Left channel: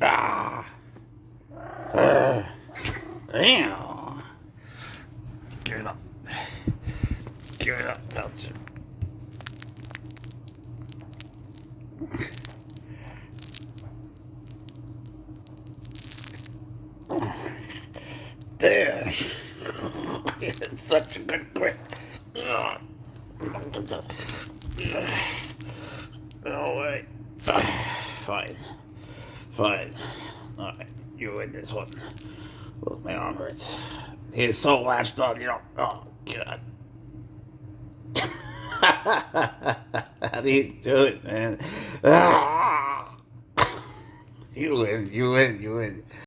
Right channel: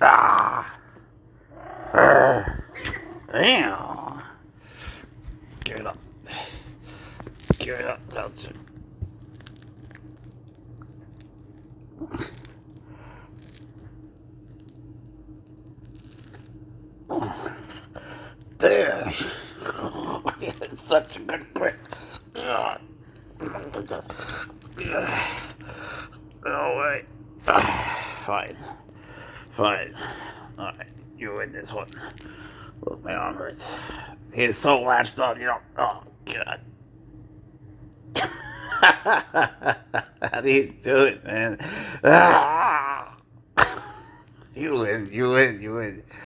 Ah. Damn. Give it up. Give it up, Pouncer. Damn. It's such a good grip. No way. Fine. Fine. Alright, you win this one. Look, my arm hurts. He's so latched on, you know. Oh, God. How do you do it, man? You win, you win, you win.